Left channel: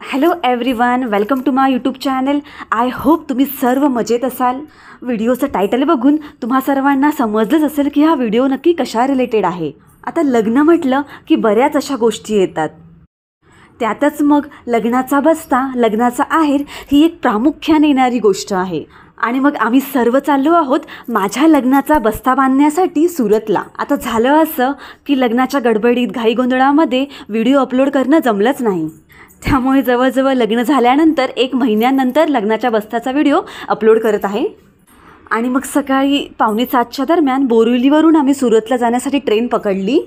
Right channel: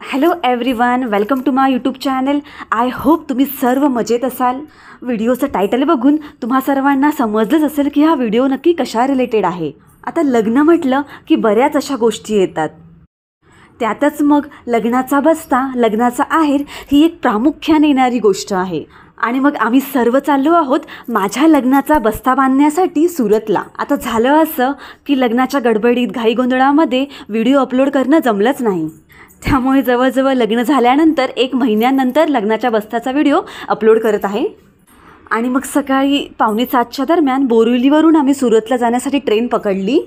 Hello everyone, welcome to my YouTube channel. I hope तुम्ही सर्व मजेत असाल. व्हिडिओचं टायटल बघून तुम्हा सर्वांना समजलंच असेल की हा व्हिडिओ नक्की कशा रिलेटेड आहे. आता लग्न म्हटलं की बऱ्याच अशा गोष्टी येतात. त्यातच मग लग्नाचा बस्ता, लग्नाचा आहेर ही एक प्रामुख्याने येणारी गोष्ट आहे. आणि मग आम्ही सर्व चाललो आहोत माझ्या लग्नाचा बस्ता बांधण्यासाठी सुरतला. आता झालं असं की लग्नाच्या गडबडीत घाईगोंधळामध्ये व्हिडिओ अपलोड करणं जमलंच नाही. त्यामुळे जवळजवळ लग्न झाल्यानंतर 1 महिन्यानंतर लग्नाच्या बस्त्याचा व्हिडिओ अपलोड करत आहे. आणि मग सकाळी 6:45च्या दरम्यान बोरिवलीवरून आम्ही सुरतला जाण्यासाठी ट्रेन पकडली.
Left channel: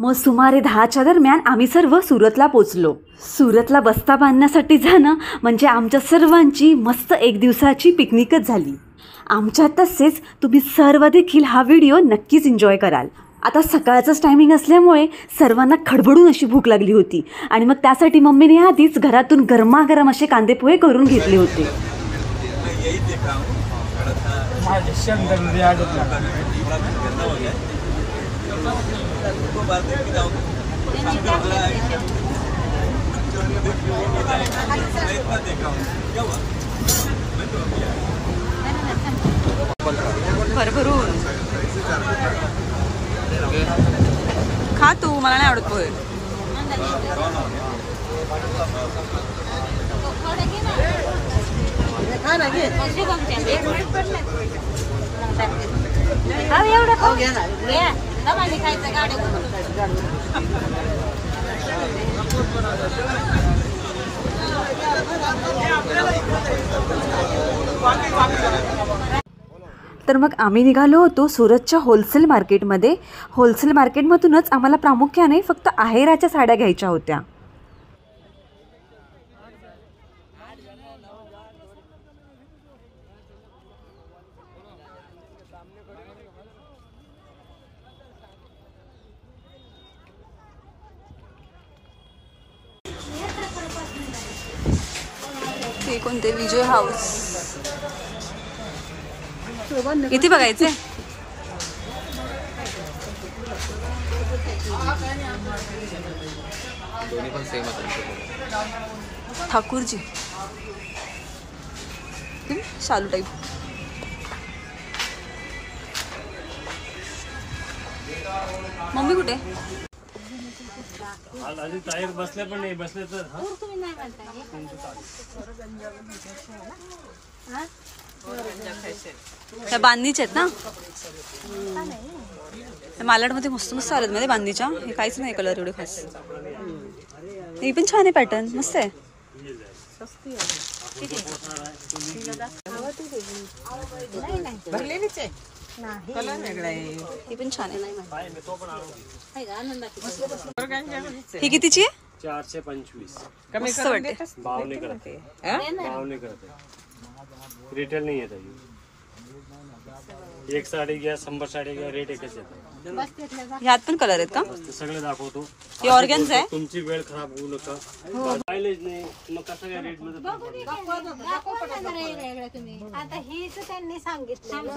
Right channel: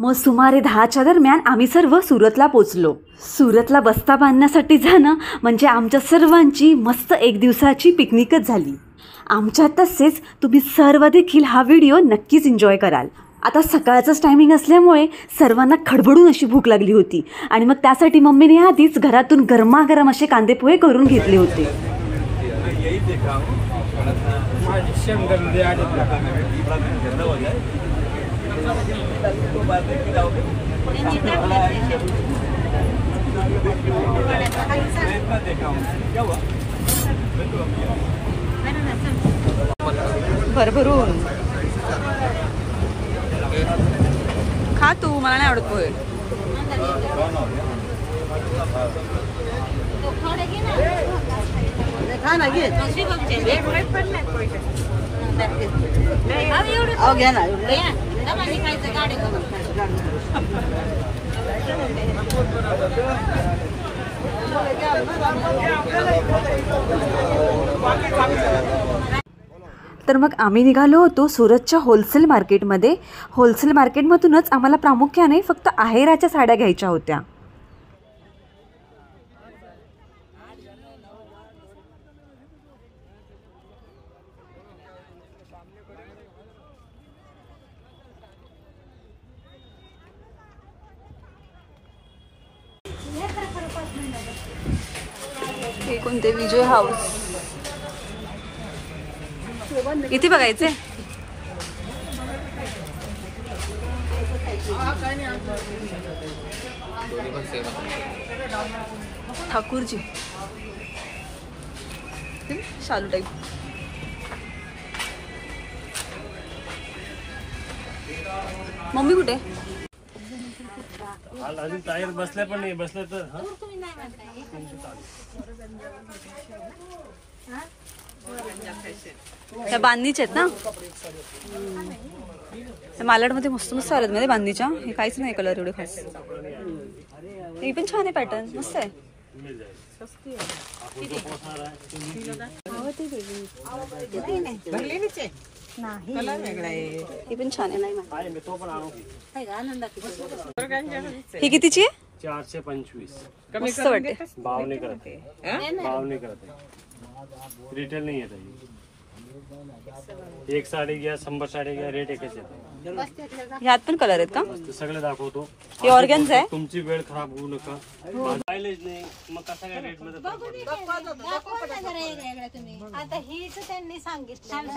मग सुमारे 10च्या दरम्यान आम्ही सर्व सुरतला पोचलो. सुरतला बस्ता बांधण्यासाठी जाणं म्हणजे आमच्या सर्वांची मस्त 1 दिवसाची पिकनिकच झाली. आमच्या तसेच तुम्ही सर्व देखील हा व्हिडिओ नक्कीच एन्जॉय कराल. आता सकाळचंच टायमिंग असल्यामुळे सर्वांना खडबडून अशी भूक लागली होती आणि मग त्यासाठी मम्मीने आधीच घरातून गरमागरम असे कांदेपोहे करून घेतले होते. भरभरून खा तू, मला नाही आवडत पोहे. तर मग आम्ही निघालो होतो सुरतच्या होलसेल मार्केटमध्ये. होलसेल मार्केटमधूनच आम्हाला प्रामुख्याने फक्त आहेराच्या साड्या घ्यायच्या होत्या. हे कोणते विजय हाऊस इथे बघायचे. ठाकूरजी शालू टाईप. मम्मी कुठे? बसले पण नाही बसले तर त्या बांधणीच्या आहेत ना. मालाडमध्ये मस्त मस्त आलेत मध्ये बांधणीच्या. हे काहीच नाही कलर एवढे खास. हे पण छान आहे, पॅटर्न मस्त आहे. हे पण छान आहे. ही कितीची आहे? 425. मस्त वाटते. भाव नाही करते. रिटेल नाही येत. एक साडी घ्या 100 साडी घ्या, रेट एकच येतो. ह्यात पण कलर आहेत का? सगळे दाखवतो. हे ऑर्गन्झा आहे. तुमची वेळ खराब होऊ नका. पाहिलेच नाही मग कसा काय रेट मध्ये आता हीच त्यांनी सांगितलं.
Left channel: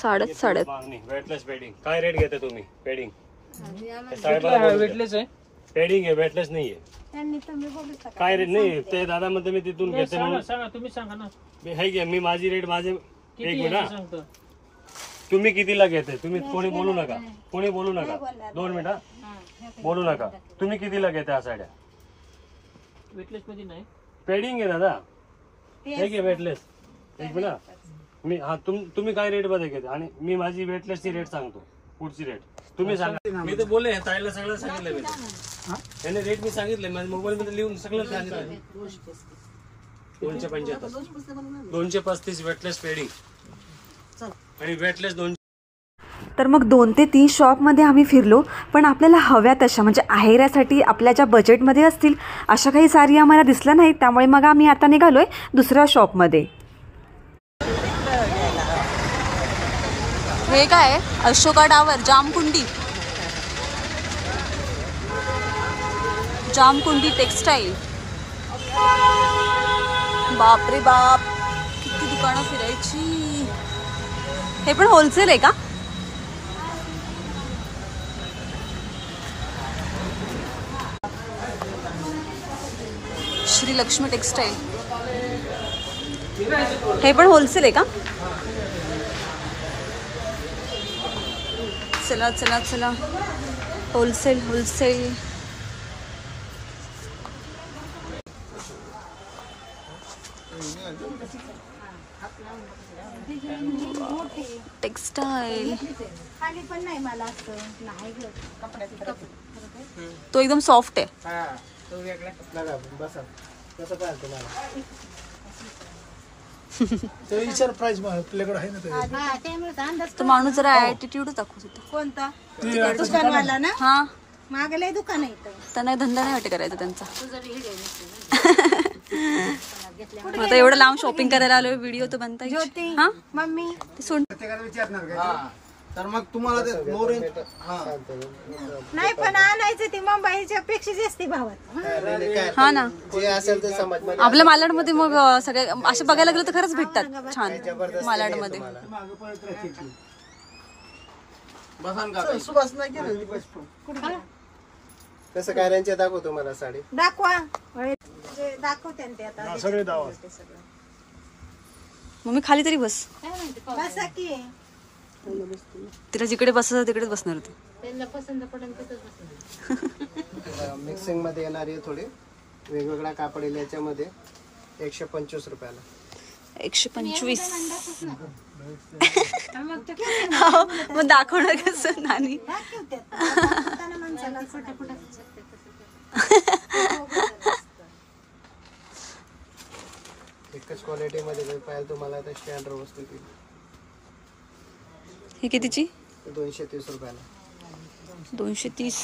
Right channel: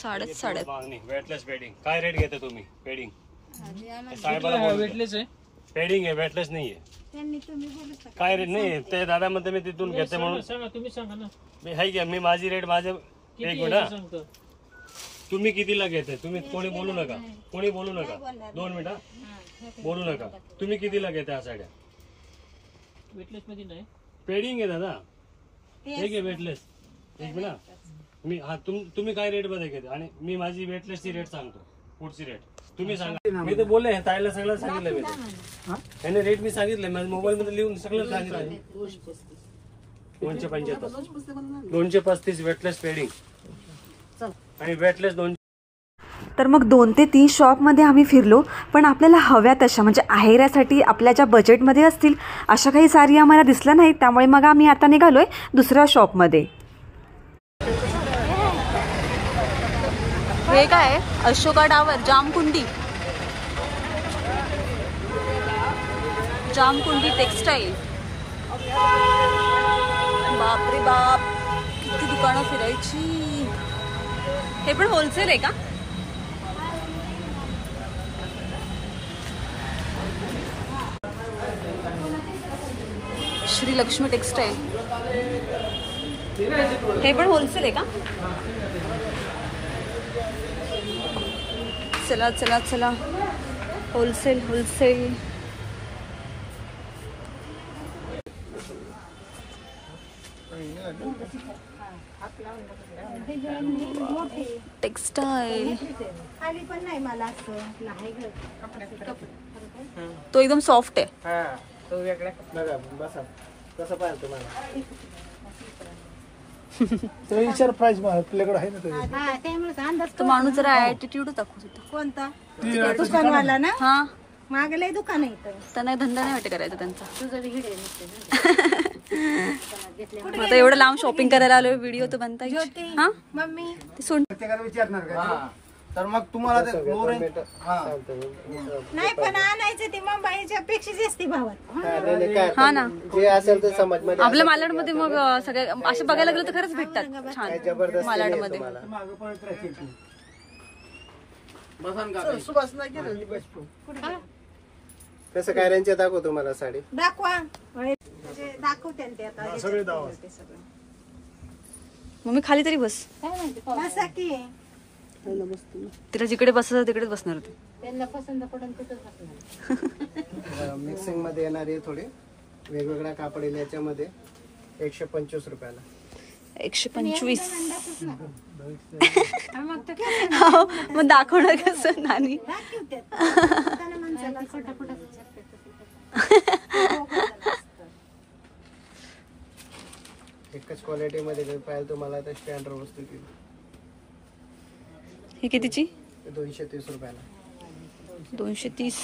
साड्यात वेटलेस पेडिंग. काय रेट घेता तुम्ही? पेडिंग वेटलेस आहे. पेडिंग आहे, वेटलेस नाहीये. काय रेट नाही ते दादा म्हणते मी तिथून घेते म्हणून. सांगा तुम्ही, सांगा ना. मी हाय घ्या, मी माझी रेट माझे. एक मिनिट, तुम्ही कितीला घेते? तुम्ही कोणी बोलू नका, 2 मिनिट बोलू नका. तुम्ही कितीला घेता ह्या साड्या? वेटलेस मध्ये नाही, पेडिंग आहे दादा. हे घे वेटलेस. एक मिनिट, मी तुम्ही काय रेट मध्ये घेता आणि मी माझी वेटलेसची रेट सांगतो. पुढची रेट तुम्ही सांगा. मी तर बोलले ताईला सगळं सांगितलं. त्याने रेट मी सांगितले, माझ्या मोबाईल मध्ये लिहून सगळं सांगितलं. 235 वेटलेस पेडिंग आणि वेटलेस 2. तर मग 2 ते 3 शॉपमध्ये आम्ही फिरलो. पण आपल्याला हव्या तशा म्हणजे आहेरासाठी आपल्या ज्या बजेटमध्ये असतील अशा काही साडी आम्हाला दिसल्या नाहीत. त्यामुळे मग आम्ही आता निघालोय दुसऱ्या शॉपमध्ये. हे काय? अशोका टावर, जामकुंडी. जामकुंडी टेक्सटाईल. बाप रे बाप, किती दुकानं फिरायची. हे पण होलसेल आहे का? श्री लक्ष्मी टेक्सटाईल. हे पण होलसेल आहे का? चला चला चला, होलसेल होलसेल. टेक्सटाईल खाली पण नाही मला असं नाही ग. तो एकदम सॉफ्ट आहे. तो माणूस जरा ऍटिट्यूड दाखवत होता. कोणता दुकानवाला ना? हा, मागलंय दुकान आहे इथं. त्यांना धंदा नाही वाटत करायचा त्यांचा. आता एवढं लांब शॉपिंग करायला आलोय, व्हिडिओ तर बनता ज्योती हा मम्मी ते सोड. तर मग तुम्हाला ते लो रेंज नाही पण आणायचं ते मुंबईच्या पेक्षा जास्त भावात. हा ना, जे असेल ते समज. आपल्या मालाडमध्ये मग सगळे असे बघायला गेलं तर खरंच भेटतात छान मालाडमध्ये. सुभाष नाही गेले. कसं काय रेंज दाखव तुम्हाला साडी. दाखवा दाखवते ते आता. मम्मी खाली तरी बस. बसा की. तिला जिकडे बसायचं तिकडेच बसणार होती. मिक्सिंग मध्ये येणारे थोडे वेगवेगळा कापड येईल याच्यामध्ये 125 रुपयाला. 125. मग दाखवणार कसं नानी. एकच क्वालिटी मध्ये पाहिजे तुम्हाला तर स्टँडर्ड वस्तू ती. ही कितीची? 230 रुपयाला. 230.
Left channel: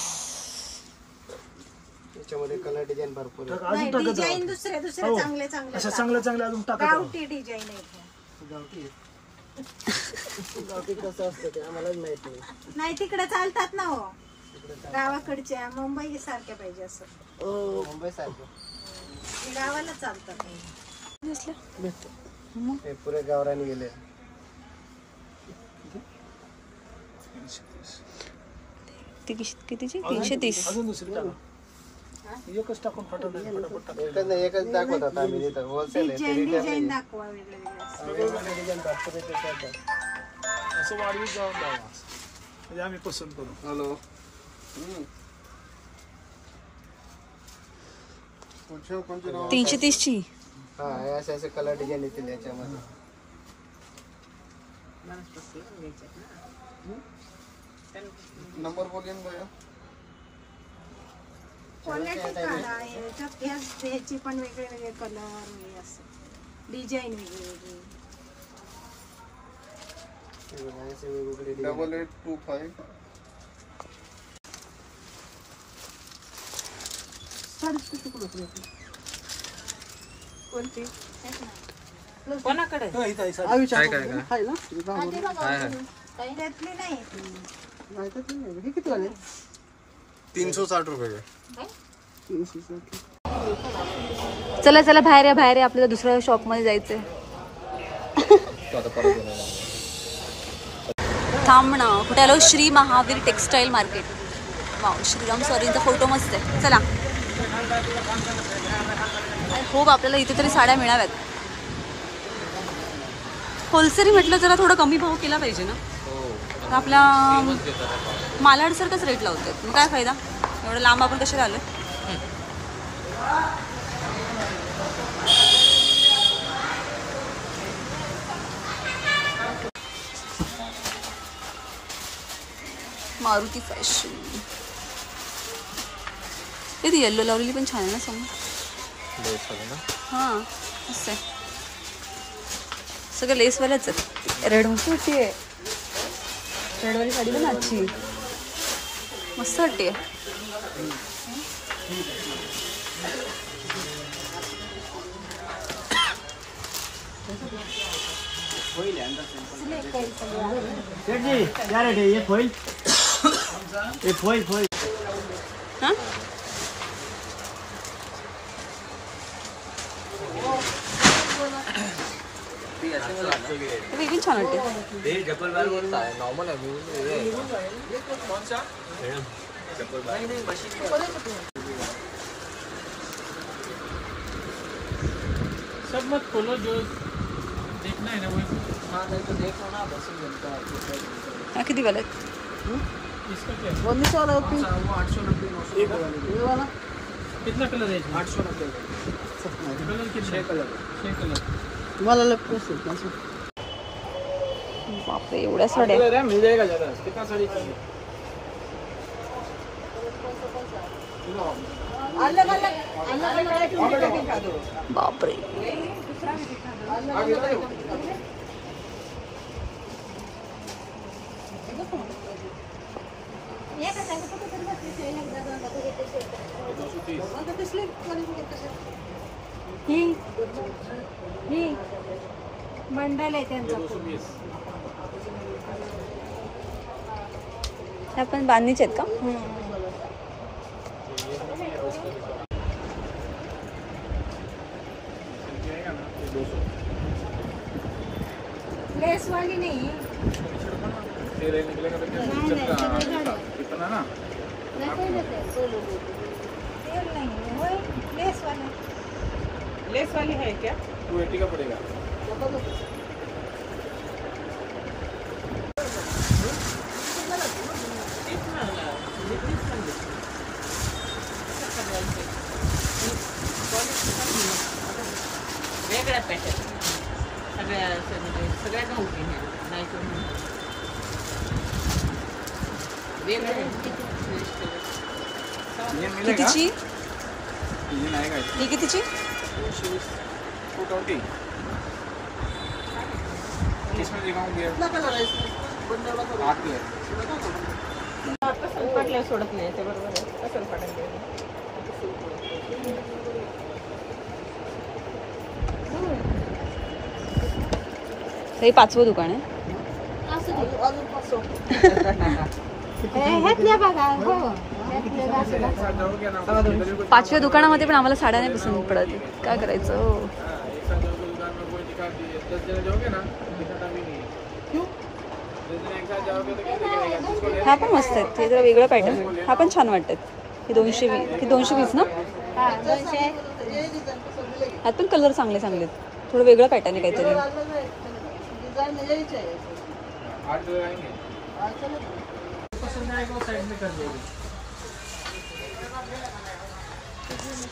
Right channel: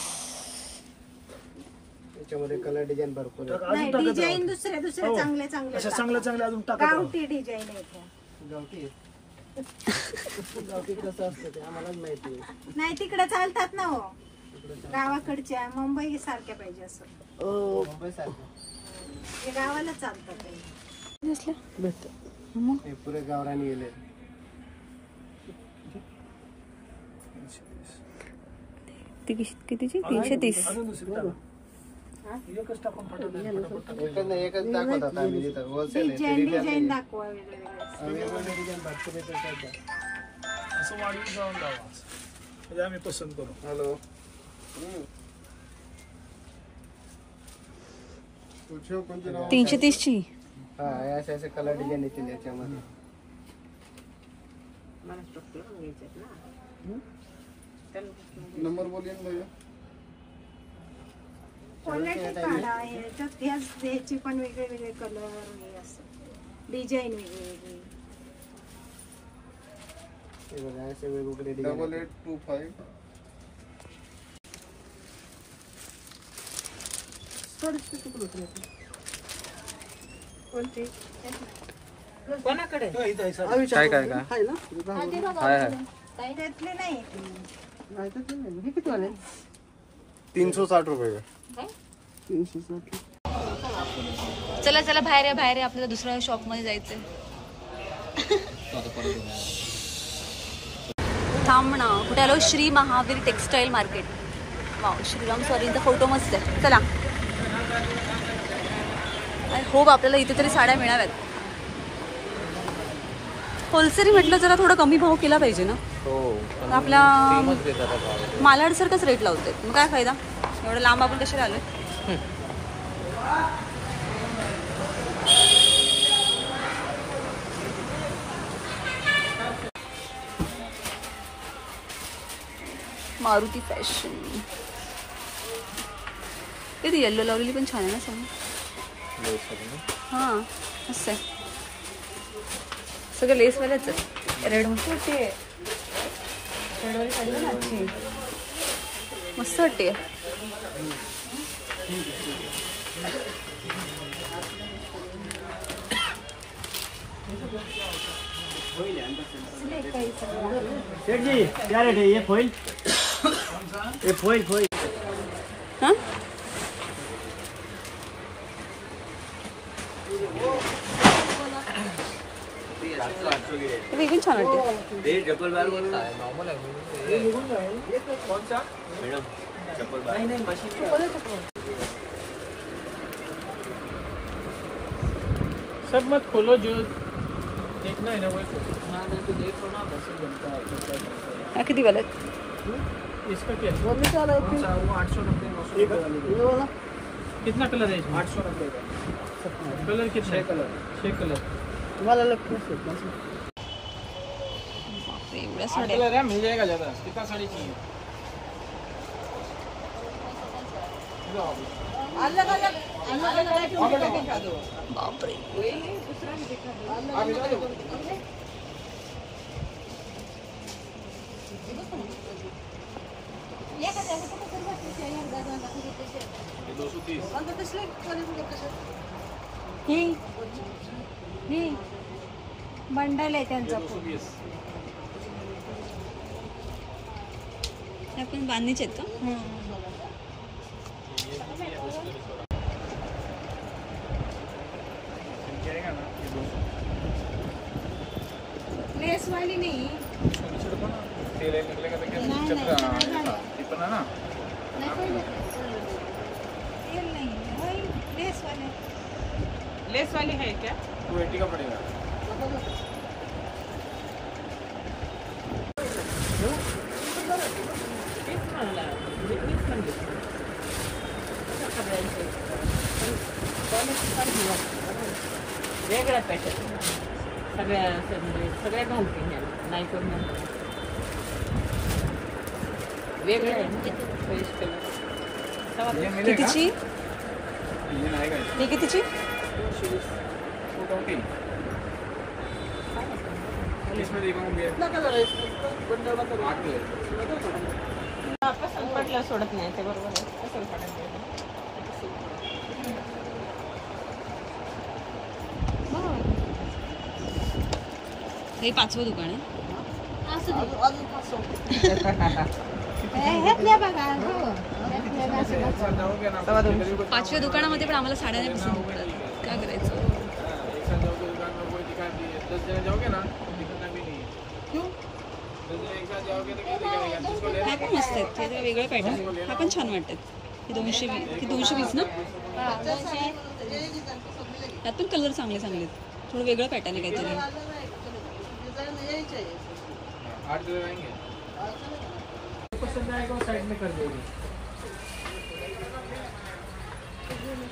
याच्यामध्ये कलर डिझाईन भरपूर आहे. नाही डिझाईन दुसरे दुसरे चांगले चांगले अशा चांगल्या अजून टाका. गावठी डिझाईन आहे. गावठी गावठी कसं असतं ते आम्हालाच माहिती. नाही तिकडे चालतात ना हो, गावाकडच्या. मुंबई सारख्या पाहिजे असं. मुंबई सारखं गावाला चालतात. हे पुरे गावरान गेले. कितीची? 330. एकच टाकून एकच दाखवतात आम्ही इथं. होलसेल डिझाईन दाखवा वेगवेगळे. डिझाईन दाखवते असं वाढवीत जाऊन द्यावा म्हणजे आम्ही पसंत करू. हॅलो. 330 ची. हा असे असे कलर डिझाईन येतील याच्यामध्ये. नंबर बोलिए भैया. क्वालिटी काढा. ह्याच्यात ह्याची पण वेगळे वेगळे कलर वगैरे असं डिझाईन वेगळी वेगळी. हे बघा असे वेगवेगळे डिझाईन. 8825. कोणती? कोणाकडे? त्यातली नाही. 360 रुपये. चला चला बाहेर या बाहेर या, आपल्याला दुसऱ्या शॉप मध्ये जायचंय. थांब ना, कुठे आलो? Shri Mahavir textile market. Wow, Shriram स्वारींचा फोटो मस्त आहे. चला, आय होप आपल्याला इथे तरी साड्या मिळाव्यात. होलसेल म्हटलं जरा थोडा कमी भाव केला पाहिजे ना. आपल्या मालाड सारखंच रेट लावतात, मग काय फायदा. एवढं लांब आपण कशाला आलोय. मारुती फॅशन. ती येल्लो लावलेली पण छान आहे ना समोर. हां मस्त आहे. सगळं लेसवाल्याच आहे. रेड मस्त वाटते. रेडवाली साडी पण अच्छी मस्त वाटते. क्या रेट है ये फॉइल? ये फॉइल हाँ ते पण छान वाटते. सब मत खोलो जो देखना है ना वो हा किती वाला इसका क्या है? वो 890 900 कितना कलर है इसमें? 890 कलर कितने? 6 कलर 6 कलर तुम्हाला लगतो बापरे एवढ्या साड्या कलर है मिल जाएगा ज़्यादा कितना साड़ी चाहिए? बापरे बंडल आहे त्यांचा ह्या पण बांधणीचे आहेत का लेस वाली नहीं लेस वाली है क्या? 280 का पड़ेगा। वेगळ्या पॅटर्न सगळ्या म्हणजे सगळ्या घालते नाही तर वेगळं कितीची ये आएगा ही कितीची 220 इसमें दिखाऊंगे 8 है पाटल्या सोडत नाही ते बरोबर असेल पडेल हे 5वं दुकान आहे बघा 5व्या दुकानामध्ये पण आम्हाला साड्या नाही पसंत पडत काय करायचं ह्या पण मस्त आहेत हे जरा वेगळं पॅटर्न हा पण छान वाटतात हे 220 ना ह्यात पण कलर चांगले चांगले आहेत थोडं वेगळं पॅटर्न आहे काहीतरी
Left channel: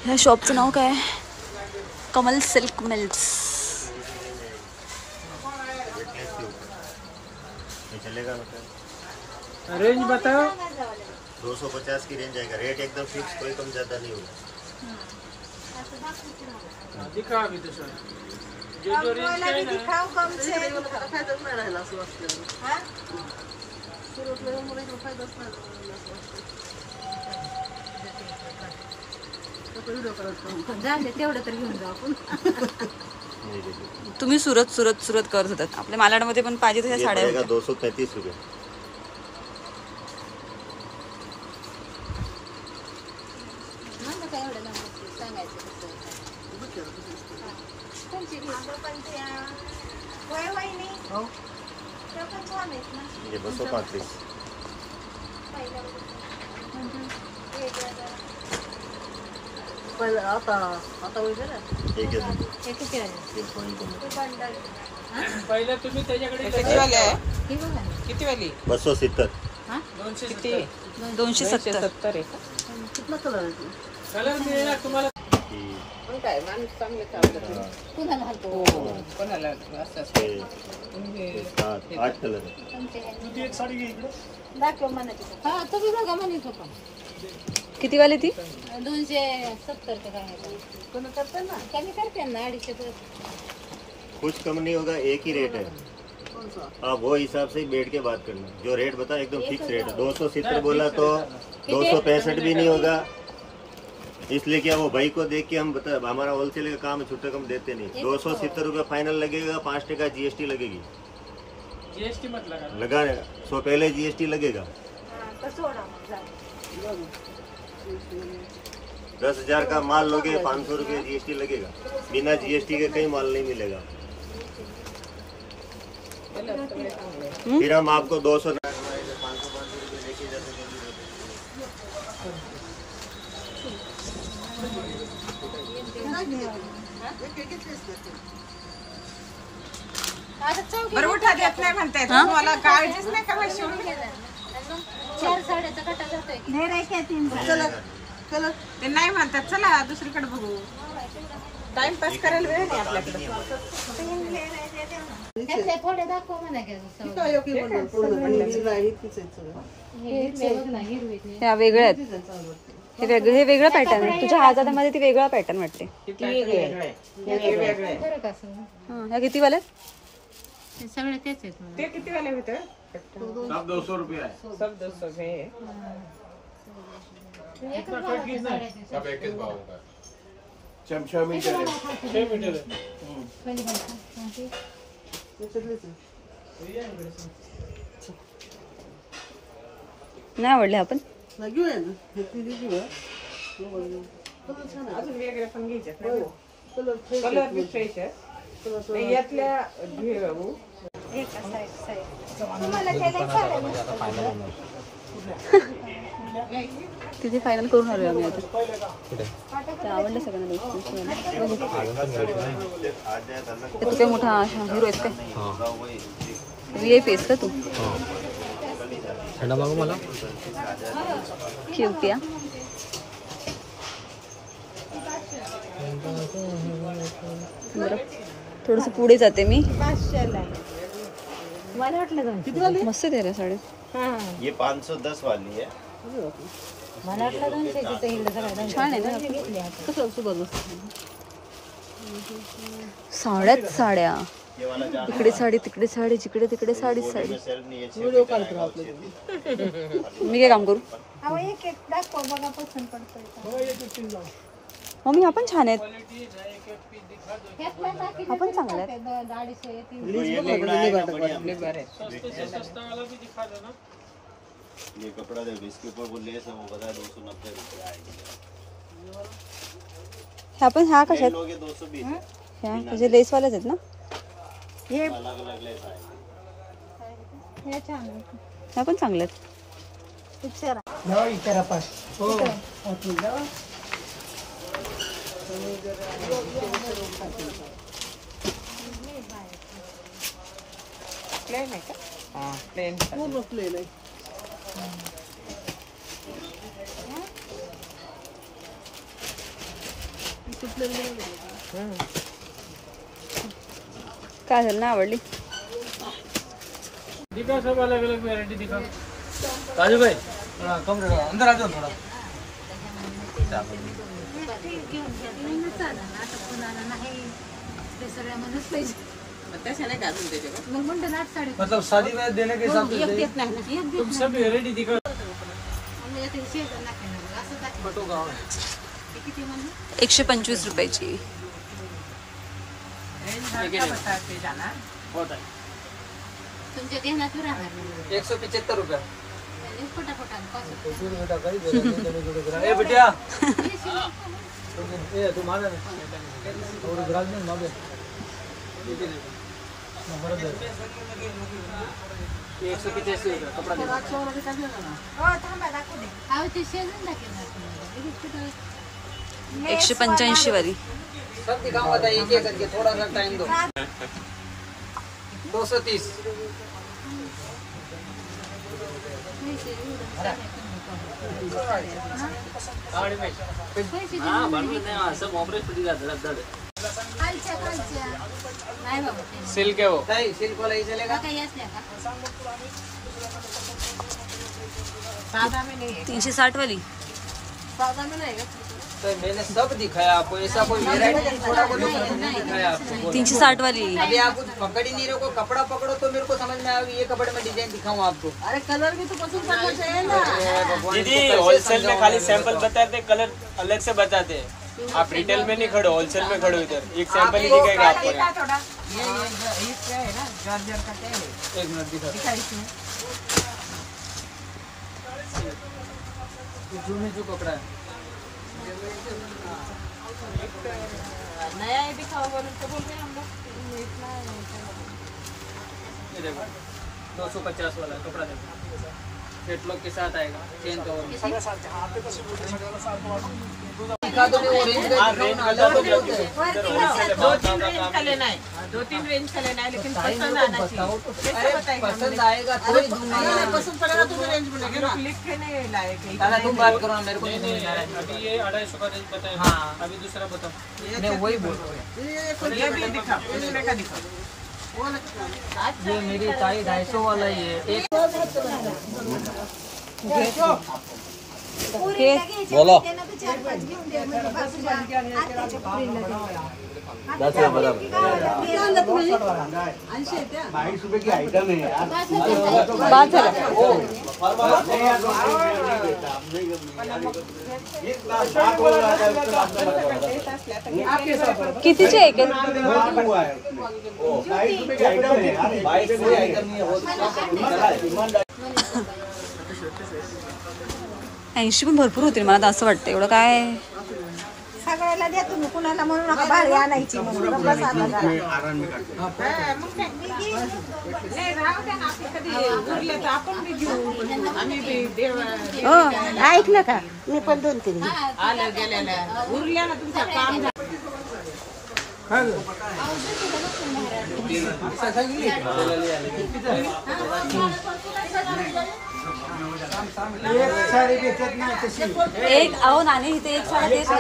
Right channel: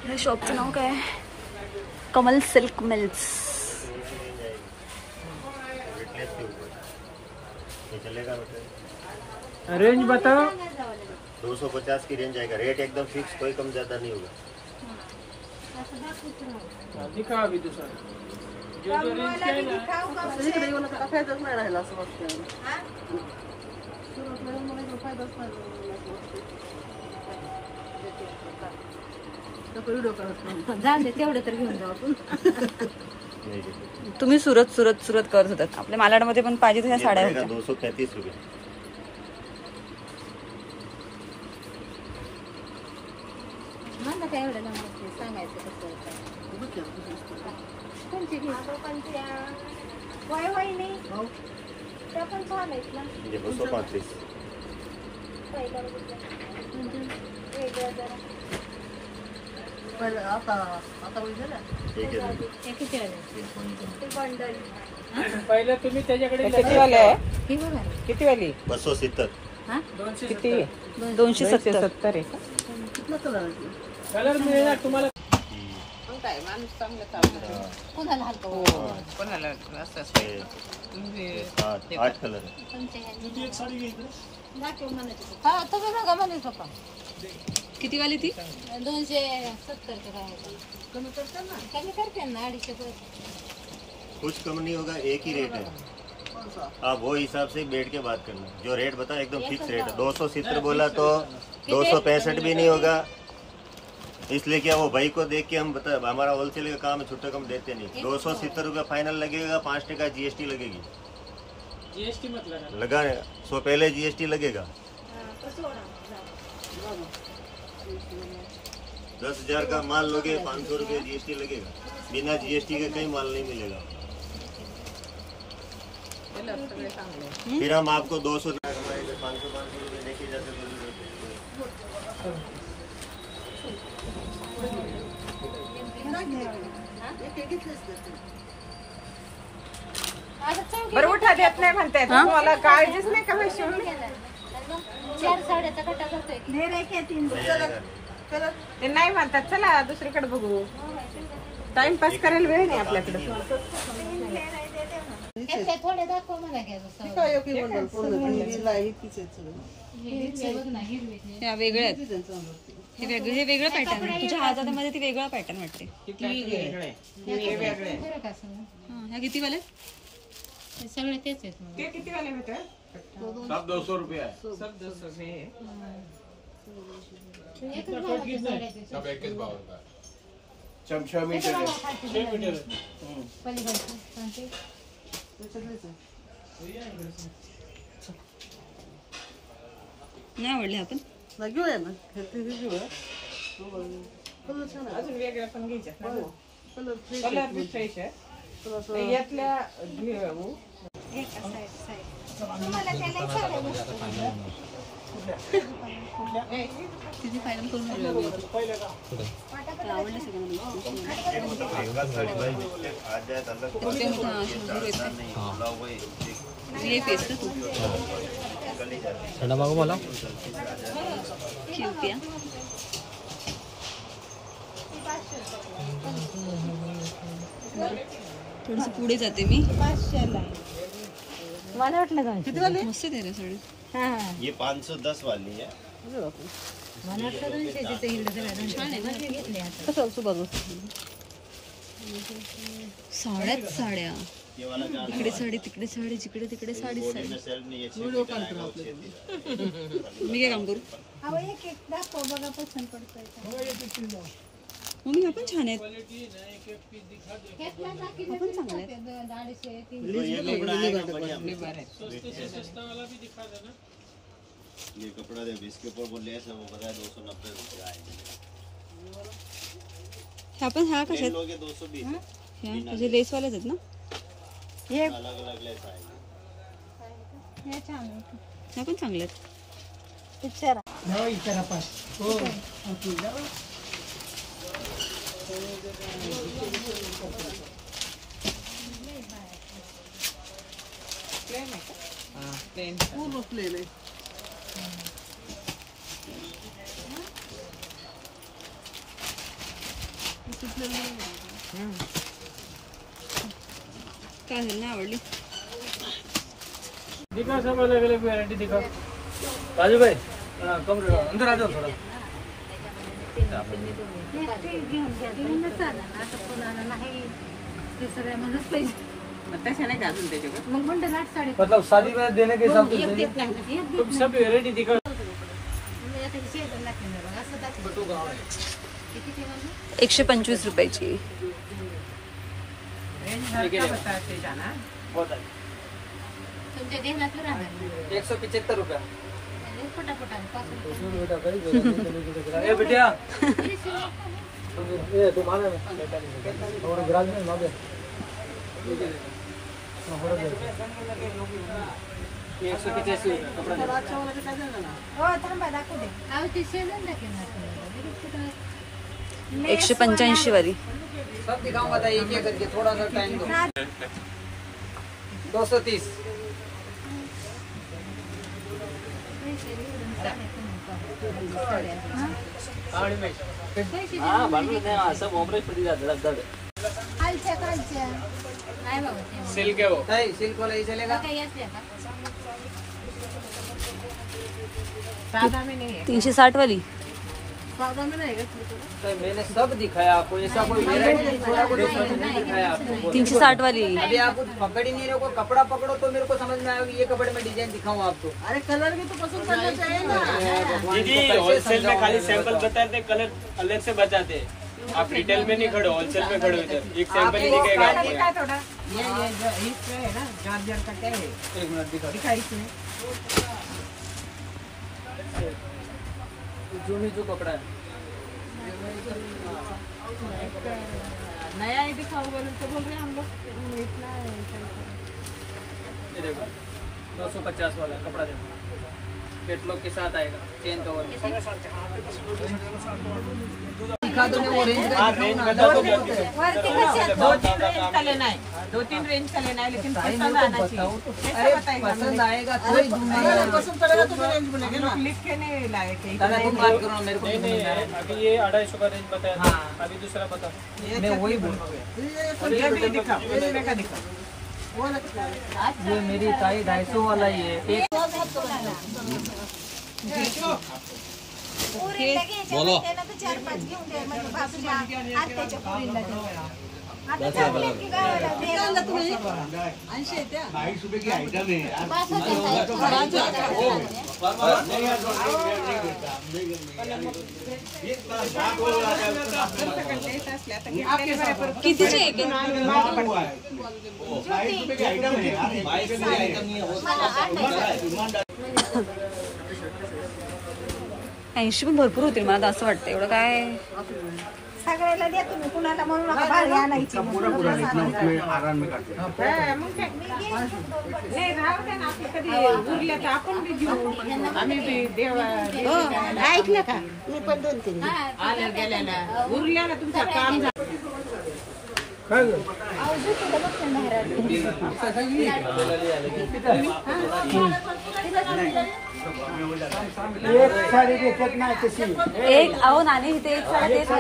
ह्या शॉपचं नाव काय कमल सिल्क मिल्स रेंज बताओ 250 की रेंज आएगा रेट एकदम फिक्स कोई कम ज्यादा नहीं होगा दिखा अभी तो सर जो रेंज का है ना जाऊन दे तेवढं तर घेऊन जाऊ आपण तुम्ही सुरत करत होतात आपल्या मालाडमध्ये पण पाहिजे तशा साड्या होत्या 235 रुपये ये 235 ठीक है पहिले तुम्ही त्याच्याकडे किती वाली आहे किती वाली 270 किती 270 आहे कलर मिळणार तुम्हाला काय माणूस चांगलं काम करतो कोणाला असतात 8 कलर तुझी एक साडी घे इकडे दाखव म्हणायची हा तुम्ही बघा म्हणत होता किती वाली ती 270 का काय कोणी करतात ना कमी करते ना 250 कुछ कम नहीं होगा एक ही रेट है आप वो हिसाब से बैठ के बात करना जो रेट बता एकदम फिक्स रेट है 270 बोला तो 265 भी नहीं होगा इसलिए क्या वो भाई को देख के हम बता हमारा होलसेल का काम छुट्टे कम देते नहीं 270 रुपये फाइनल लगेगा 5% जीएसटी लगेगी जीएसटी मत लगा लगा 100 पहले जीएसटी लगेगा 10,000 का माल लोगे 500 रुपये जीएसटी लगेगा बिना जीएसटी के कहीं माल नहीं मिलेगा फिर हम आपको 200 हमारे 500 रुपये लेके जाते तो बरं मोठा देत नाही म्हणताय तुम्हाला काळजीच नाही का पैसे ते नाही म्हणतात चला दुसरीकडे बघू टाइमपास करायला वेळ नाही आपल्याकडे ह्या वेगळ्या आहेत. हे वेगळं पॅटर्न आहे. तुझ्या हातामध्ये ती वेगळा पॅटर्न वाटते. ह्या किती वाल्या सगळे तेच आहेत ते किती वाले होते सब 200 रुपये आहे. सब 200 रुपये सब एक ही भाव होगा। चमचा मीटर आहे. 6 मीटर आहे. नाही आवडले आपण अजून वेगळे पण घ्यायचे कलर बी फ्रेश आहे यातल्या तिथे फायनल करून आलोय आम्ही आता. ते आवडलं सगळ्यांना. बघू मोठा शंभर आहेत काय VIP आहेस का तू? मला क्यूट या. बरं थोडस पुढे जाते मी. मस्त आहे रे साडी. ये 510 वाली है। छान आहे ना. कसं असं बघ साड्याच साड्या. इकडे साडी तिकडे साडी जिकडे तिकडे साडी साडी. मी काय काम करू मम्मी? आपण छान आहेत. आपण चांगले आहेत. ये कपड़ा जब इसके ऊपर वो लेस है वो बताया 290 रुपये आएगी। ह्या कशा आहेत? लोगे 220 ह्या म्हणजे लेसवाल्याच आहेत ना? अलग अलग लेस आएगी। ह्या पण चांगल्या आहेत. प्लेन आहे का प्लेन पूर्ण प्लेन आहे. काय झालं ना आवडली? दिखाओ सब अलग अलग वैरायटी दिखाओ. राजू भाई अंदर आ जाओ थोड़ा. मतलब शादी में देने के हिसाब से तुम सब वैरायटी दिखाओ. फोटो गाँव है 125 रुपयाची. बहुत है 175 रुपये. ए बिटिया ये तुम्हारा 185 कपड़ा. 185 वाली. सब दिखाऊंगा था एक एक करके थोड़ा सा टाइम दो. 230. सब ऑपरेट पड़ी जाते सिल्क है वो. नहीं सिल्क वाला ही चलेगा. सादा में नहीं है 360 वाली. सादा में नहीं है मैंने सब दिखाया आपको. ऐसा कोई वैरायटी थोड़ा बहुत नहीं दिखाया आपको. 360 वाली. अभी आप कुछ पकड़ ही नहीं रहे हो. कपड़ा पकड़ो तो मेरे को समझ में आया. ये कपड़े में डिजाइन दिखाऊं आपको. अरे कलर भी तो पसंद करना चाहिए ना. दीदी होलसेल में खाली सैंपल बताते कलर अलग से बताते. आप रिटेल में नहीं खड़े होलसेल में खड़े इधर. एक सैंपल ही दिखेगा आपको. थोड़ा ये इसमें है ना जॉर्जेट का क्या है. एक मिनट दिखा इसमें जो कपड़ा है नया ही दिखाओ बोलो तो बोल रहे हैं हम लोग इतना ये देखो 250 वाला कपड़ा देखो. कैटलॉग के साथ आएगा. Chain cover. का लेना है, 2-3 रेंज का लेना है, लेकिन पसंद आना चाहिए। कैसे बताएगा? पसंद आएगा तो ही दूंगा ना। पसंद पड़ेगा तो रेंज बनेगी ना। लिख के नहीं लाए कहीं। तुम बात करो ना, मेरे को नहीं। अभी ये 250 का रेंज बताया। हाँ, अभी दूसरा बताओ। मैं वही बोल रहा हूँ। ये भी दिखा, इसमें का दिखा। ये मेरी ताई 250 वाला ही है। बोलो कितीचे एक 80 पण भरपूर होतील मला तर असं वाटतं. एवढं काय सगळ्याला द्या तुम्ही, कुणाला म्हणून नका भारी आणायची. मग काय नाही राहू द्या ना, आपलं कधी उरले तर आपण बी घेऊ. आम्ही बी देवा ऐकलं का, मी पण 2-3 आलं गेल्याला उरल्या ना, तुमचं काम झालं. एक अहो नानी इथे एक साडा तेच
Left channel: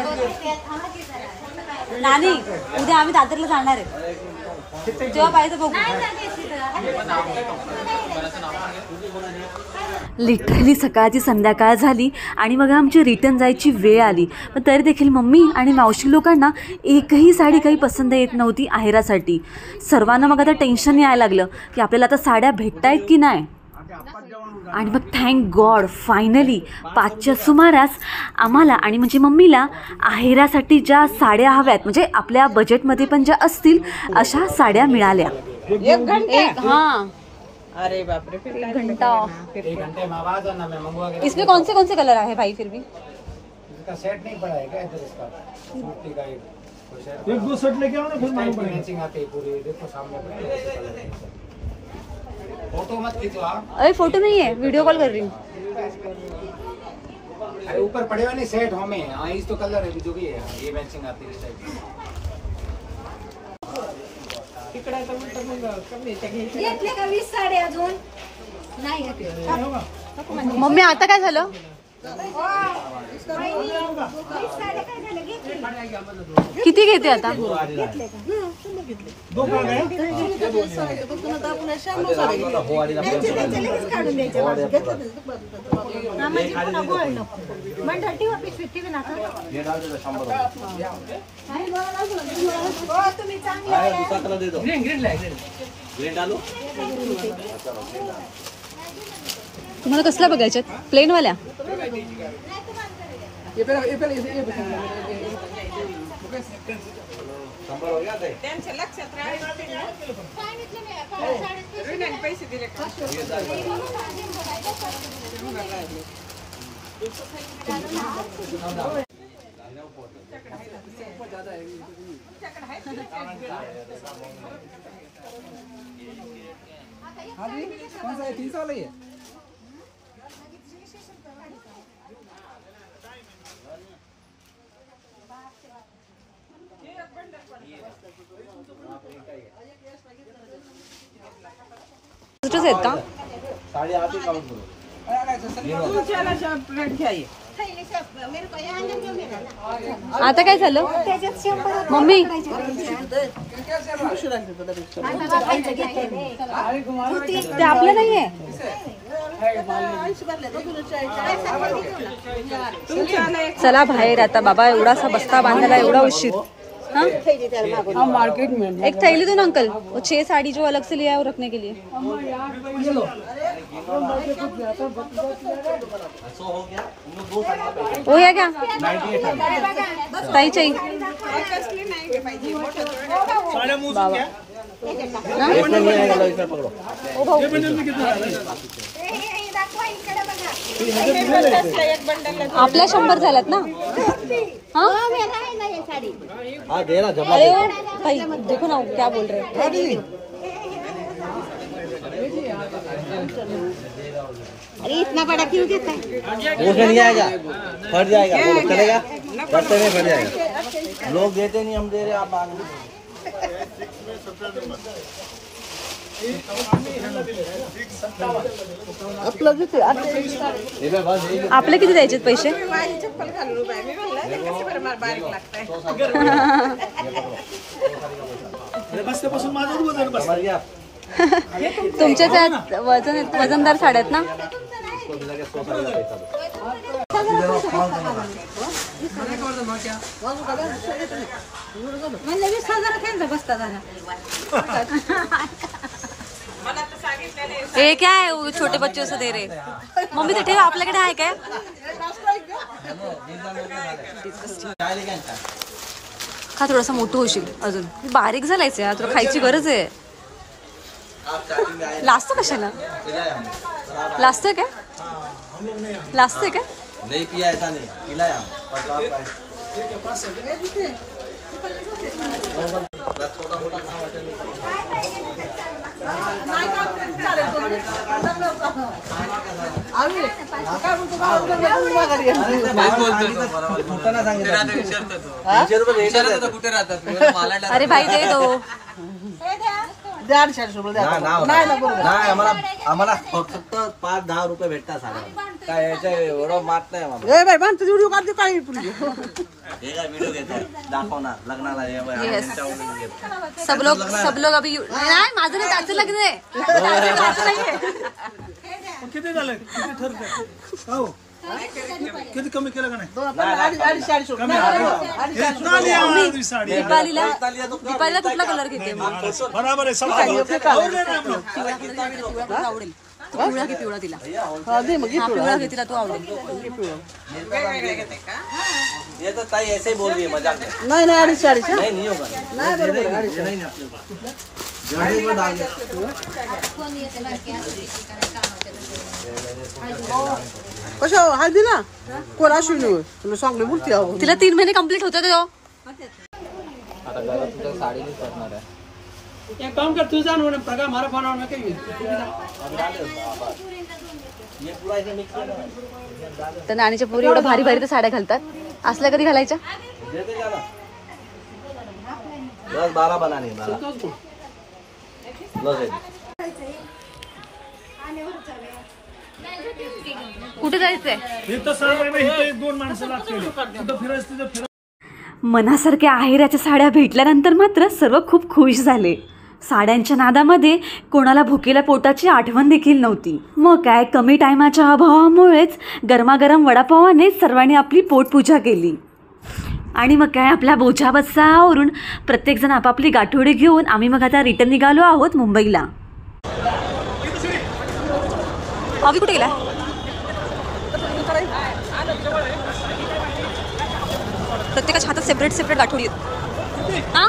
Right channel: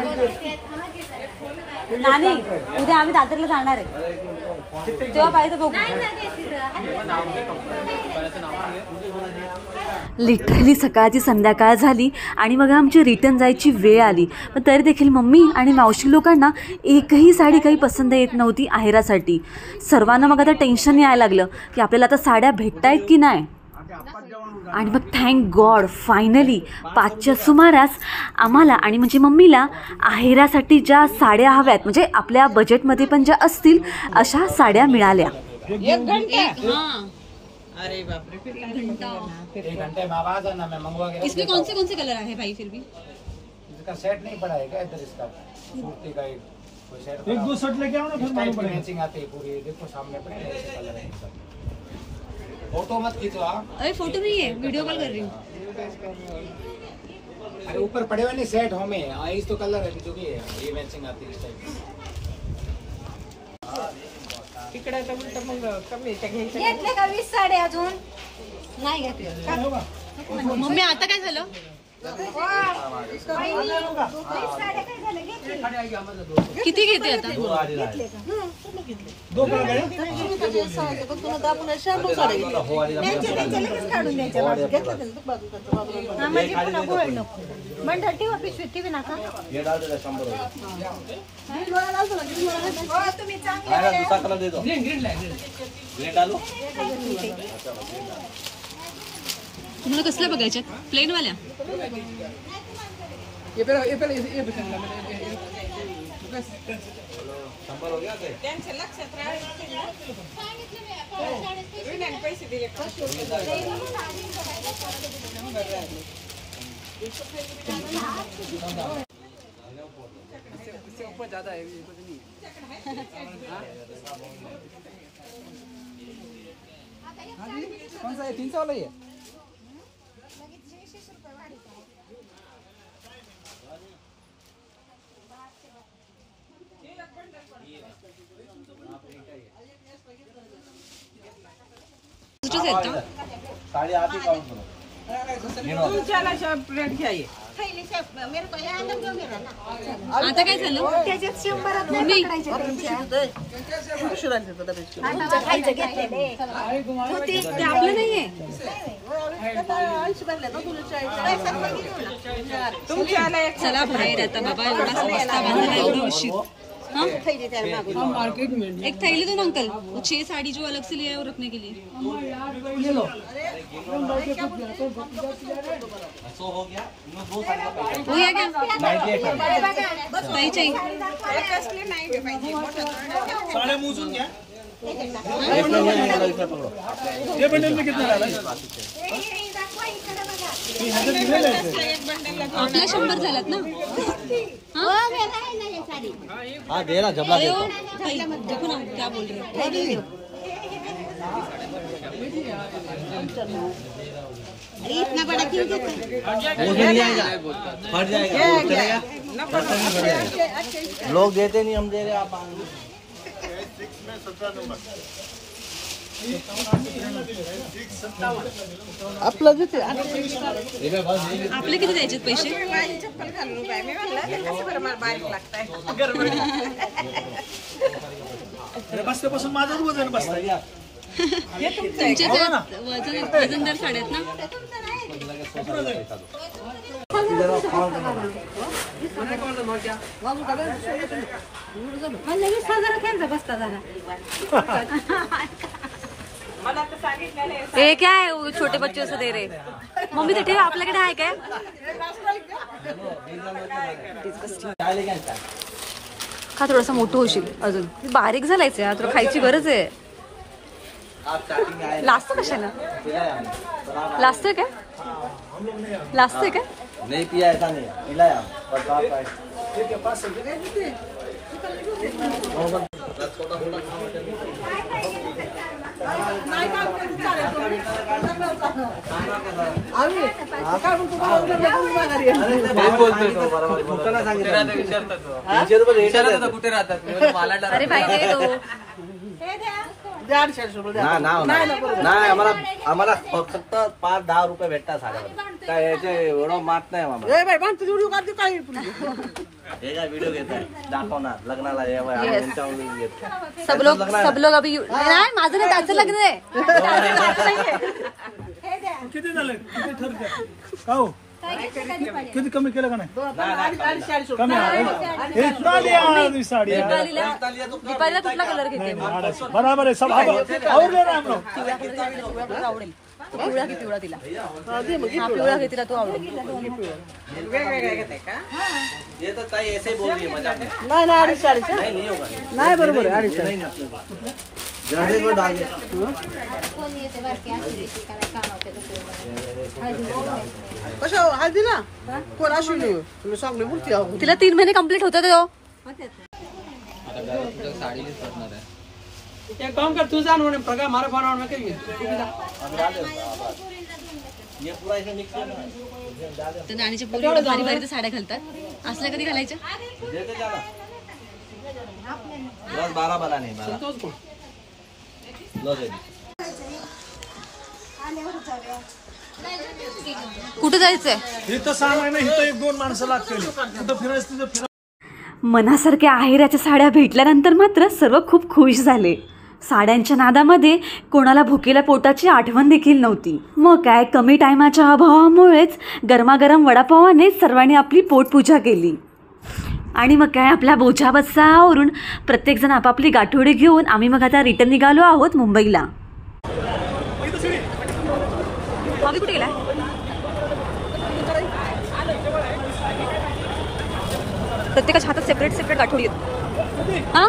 नानी, उद्या आम्ही दादरला जाणार आहे, जेव्हा पाहिजे बघू. लिटरली सकाळची संध्याकाळ झाली आणि मग आमची रिटर्न जायची वेळ आली. पण तरी देखील मम्मी आणि मावशी लोकांना एकही साडी काही पसंत येत नव्हती आहेरासाठी. सर्वांना मग आता टेन्शन यायला लागलं की आपल्याला आता साड्या भेटतायत की नाही. आणि मग थँक गॉड फायनली 5च्या सुमारास आम्हाला आणि म्हणजे मम्मीला आहेरासाठी ज्या साड्या हव्यात, म्हणजे आपल्या बजेटमध्ये पण ज्या असतील अशा साड्या मिळाल्या. हां, अरे बाप रे, फिर 1 घंटा. इसमें कौन से कलर है भाई? फिर भी इसका सेट नहीं पड़ा है क्या इधर? इसका सूती का एक 2 सेट लेके आओ ना, फिर मालूम पड़ेगा। मैचिंग आते हैं पूरे, देखो सामने फोटो मत खींचो आप। अरे फोटो नहीं है, वीडियो कॉल कर रही हूँ. अरे ऊपर पड़े हुए नहीं सेट हमें, इस तो कलर है जो भी है, ये मैचिंग आती है टाइप. तिकडे तर उलट मग कमी घेतले का 20 साड्या अजून नाही घेतले. मम्मी आता काय झालं? किती घेते आता? तुम्हाला कसला बघायच्यात? प्लेन वाल्या? त्यांचं लक्षात राहील पैसे दिले का? कौन सा है? 3 साल है. आहेत का? आता काय झालं मम्मी? ते आपलं नाहीये. चला बाहेर आता. बाबा एवढासा बस्ता बांधायला एवढा उशीर. हाँ मार्केट में एक थैली दो ना अंकल, वो 6 साड़ी जो अलग से लिया है वो रखने के लिए. हो गया क्या? ताई चाहिए आपल्या 100 झाल्यात ना. हाँ दे ना. अरे ओ भाई देखो ना क्या बोल रहे हैं. अरे इतना बड़ा क्यों देता है? वो नहीं आएगा, फट जाएगा, वो चलेगा. रास्ते में खड़े हैं लोग, देते नहीं, हम दे रहे, आप मांग लो। आपले किती द्यायचे पैसे? तुमच्या त्यात वजनदार साड्या आहेत ना? हे क्या है वो छोटे बच्चों से दे रहे? मम्मी ते ठेव, आपल्याकडे आहे काय? खा थोडासा मोठं होशील अजून, बारीक झालायचं यार, तुला खायची गरज आहे. लाजतो कशाला? लाजतोय काय? लाजतोय काय? नहीं पिया ऐसा नहीं, पिलाया और कहाँ पे अरे भाई दे दो. आम्हाला फक्त 5-10 रुपये भेटतात साड्या. काय याच्या एवढं मात नाही व्हिडिओ घेतात, दाखवणार लग्नाला. सब लोग अभी नाही, माझं नाही, त्याचं लग्न आहे. किती झालं? किती ठरते? हो किती कमी केलं का नाही? दीपालीला कुठला कलर घेते? बरोबर आहे. पिवळा कलर आवडेल. तू पिवळा की पिवळा तिला? हा पिवळा घे, तिला तू आवडेल. ये तो ताई ऐसे बोल रही है मजाक में. नाही नाही 250 नहीं होगा. नाही बरोबर नहीं अपने को जड़े को डाल कसं हळदी ना कोण असू तुला चांगली मूर्ती हवं. तिला 3 महिने कंप्लीट होते तो. आता घरात तुझ्या साडीनेच करणार आहे. एक काम कर, तू जाण म्हणे प्रकार मारा फारा ना काही ये पूरा इसे मिक्स करना. तर नाणीच्या पोरी एवढ्या भारी भारी तर साड्या घालतात, असल्या कधी घालायच्या? देते जाना 10-12 बनाने 12 कुठे जायचंय? इथं सांगायला इथं 1-2 माणसं लागतील. कुठं फिरायचं तुझं मनासारख्या आहेराच्या साड्या भेटल्यानंतर मात्र सर्व खूप खुश झाले. साड्यांच्या नादामध्ये कोणाला भुकेल्या पोटाची आठवण देखील नव्हती. मग काय, कमी टायमाच्या अभावामुळेच गरमागरम वडापावाने सर्वांनी आपली पोटपूजा केली. आणि मग काय, आपल्या बोझा बस्सावरून प्रत्येकजण आपापली गाठोडी घेऊन आम्ही मग आता रिटर्न निघालो आहोत मुंबईला. अभि कुठे गेला? प्रत्येकाच्या हातात सेपरेट सेपरेट गाठोडी आहेत. हां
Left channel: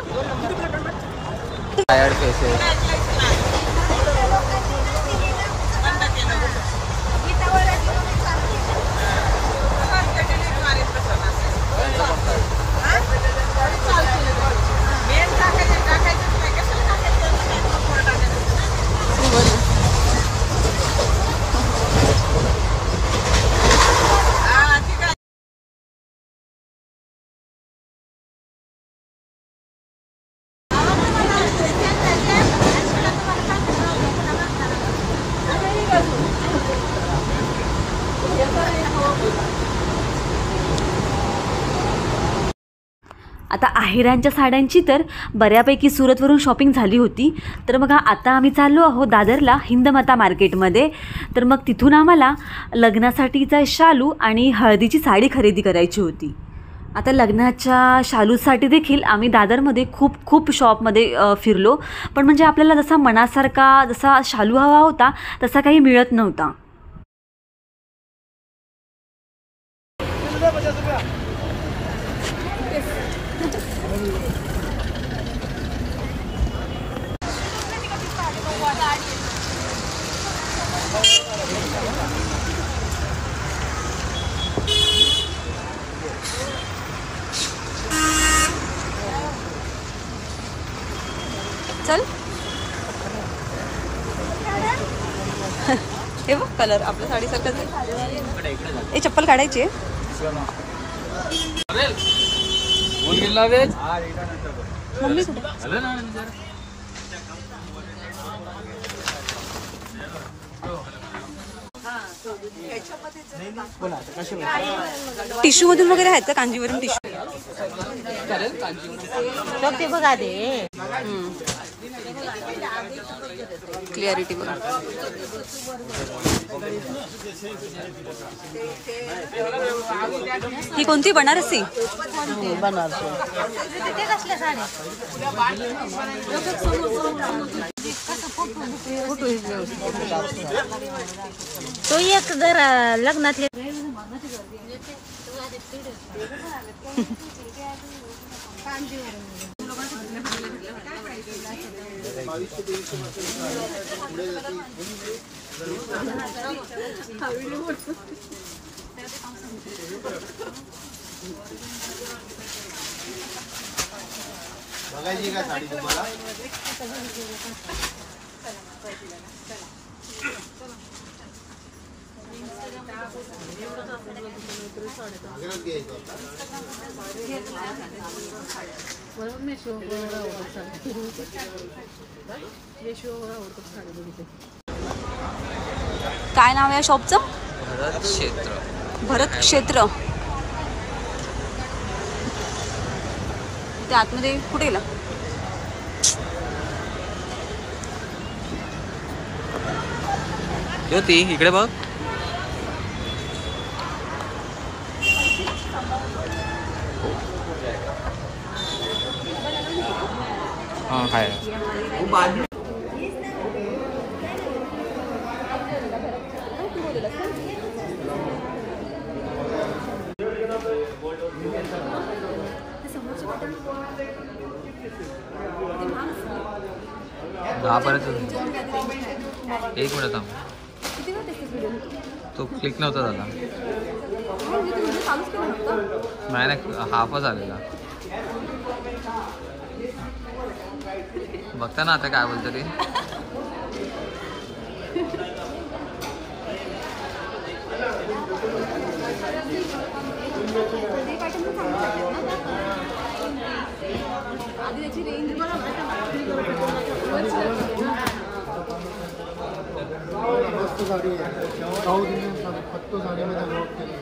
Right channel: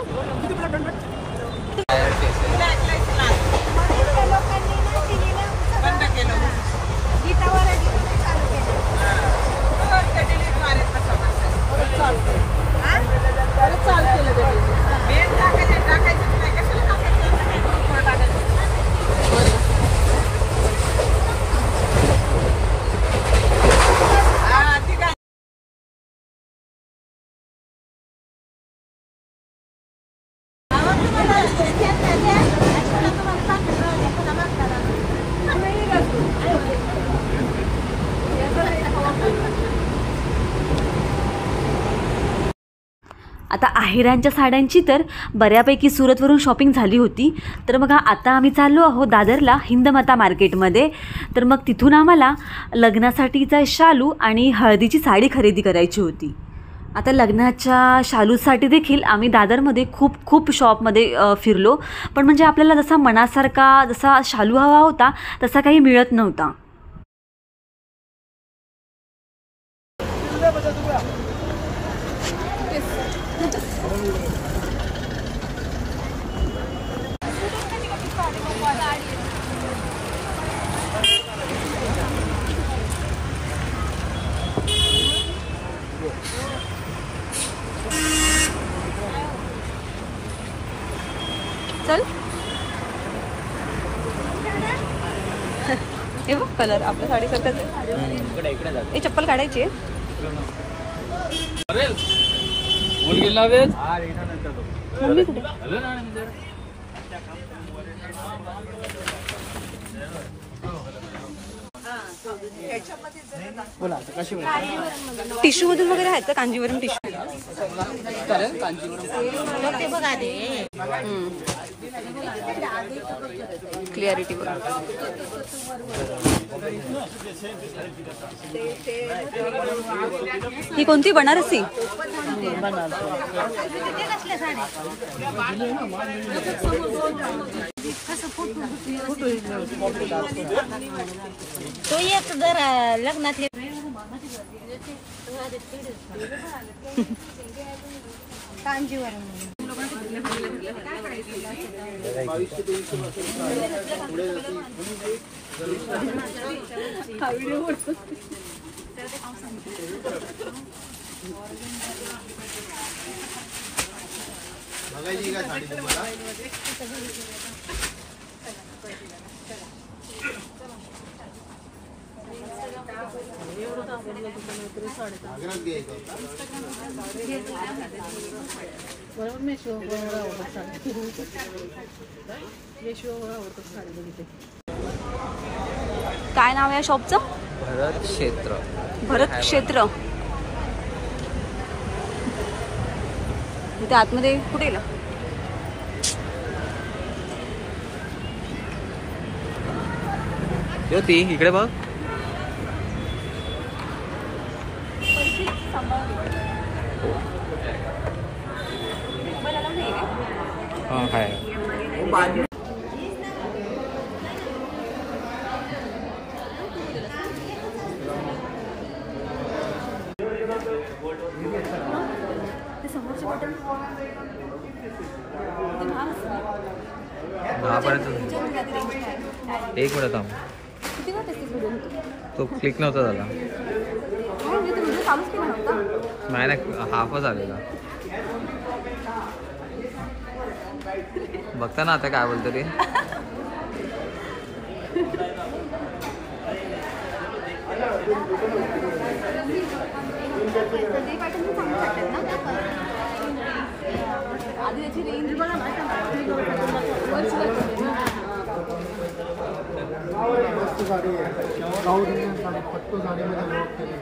आता आहेरांच्या साड्यांची तर बऱ्यापैकी सुरतवरून शॉपिंग झाली होती. तर मग आता आम्ही चाललो आहोत दादरला हिंदमाता मार्केटमध्ये. तर मग तिथून आम्हाला लग्नासाठीचा शालू आणि हळदीची साडी खरेदी करायची होती. आता लग्नाच्या शालूसाठी देखील आम्ही दादरमध्ये खूप शॉपमध्ये फिरलो, पण म्हणजे आपल्याला जसा मनासारखा जसा शालू हवा होता तसा काही मिळत नव्हता. चल हे बघ, कलर आपल्या साडीसारखाच आहे. हे चप्पल काढायची आहे. मम्मी कुठे? टिश्यू मधून वगैरे आहेत का कांजीवरम टिश्यू? क्लिअरिटी बघा. ही कोणती बनारसी? तो एक जरा लग्नातले काय नाव आहे या शॉपचं? क्षेत्र भरत क्षेत्र. इथे आतमध्ये कुठे गेला? ती इकडे बघ. हाँ है. एक मिनिट थांब. तो क्लिक नव्हता झाला. नाही ना, हाफच आलेला. बघता ना आता काय बोलतो ते. मस्त गाडी आहे. साऊथ इंडियन साडी पट्टू साडीमध्ये वर्क केली.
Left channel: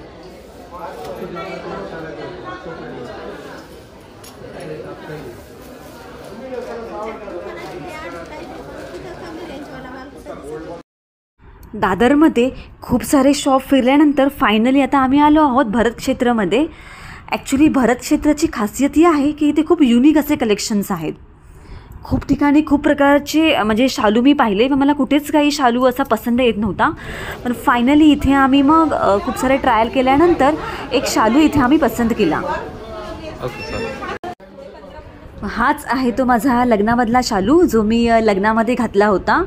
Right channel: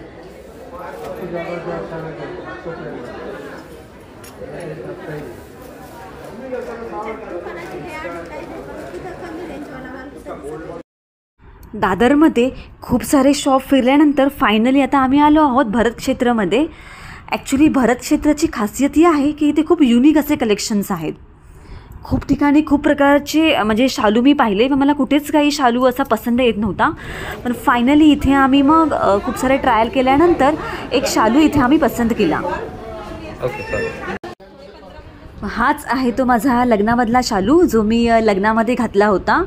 दादरमध्ये खूप सारे शॉप फिरल्यानंतर फायनली आता आम्ही आलो आहोत भरत क्षेत्रमध्ये. ॲक्च्युली भरत क्षेत्राची खासियत ही आहे की इथे खूप युनिक असे कलेक्शन्स आहेत. खूप ठिकाणी खूप प्रकारचे म्हणजे शालू मी पाहिले, पण मला कुठेच काही शालू असा पसंत येत नव्हता. पण फायनली इथे आम्ही मग खूप सारे ट्रायल केल्यानंतर एक शालू इथे आम्ही पसंत केला. हाच आहे तो माझा लग्नामधला शालू जो मी लग्नामध्ये घातला होता.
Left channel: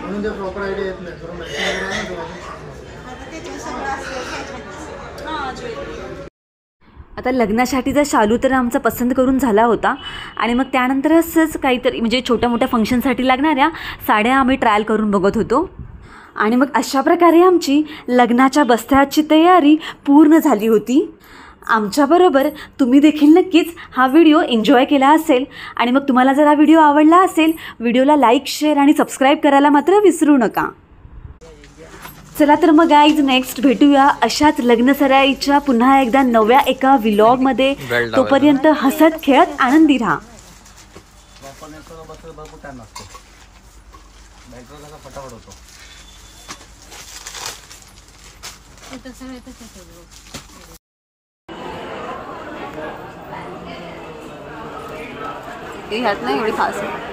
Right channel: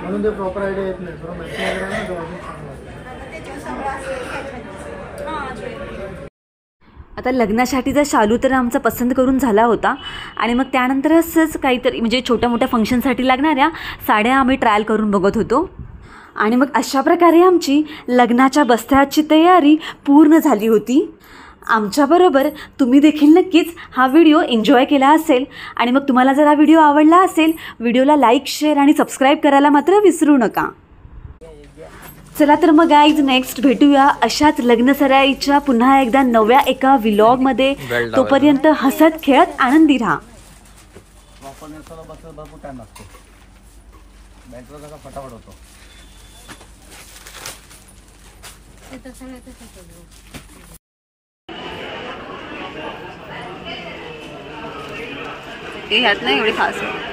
म्हणून ते प्रॉपर आयडिया येत नाही. आता लग्नासाठीचा शालू तर आमचा पसंत करून झाला होता आणि मग त्यानंतर असंच काहीतरी म्हणजे छोट्या मोठ्या फंक्शनसाठी लागणाऱ्या साड्या आम्ही ट्रायल करून बघत होतो. आणि मग अशा प्रकारे आमची लग्नाच्या बस्त्याची तयारी पूर्ण झाली होती. आमच्याबरोबर तुम्ही देखील नक्कीच हा व्हिडिओ एन्जॉय केला असेल. आणि मग तुम्हाला जर हा व्हिडिओ आवडला असेल, व्हिडिओला लाईक, शेअर आणि सबस्क्राईब करायला मात्र विसरू नका. चला तर मग गाईज नेक्स्ट भेटूया अशाच लग्नसराईच्या पुन्हा एकदा नव्या एका व्लॉगमध्ये. तोपर्यंत हसत खेळत आनंदी राहा. फटाफट होतो. ह्यात नाही एवढी खास आहे.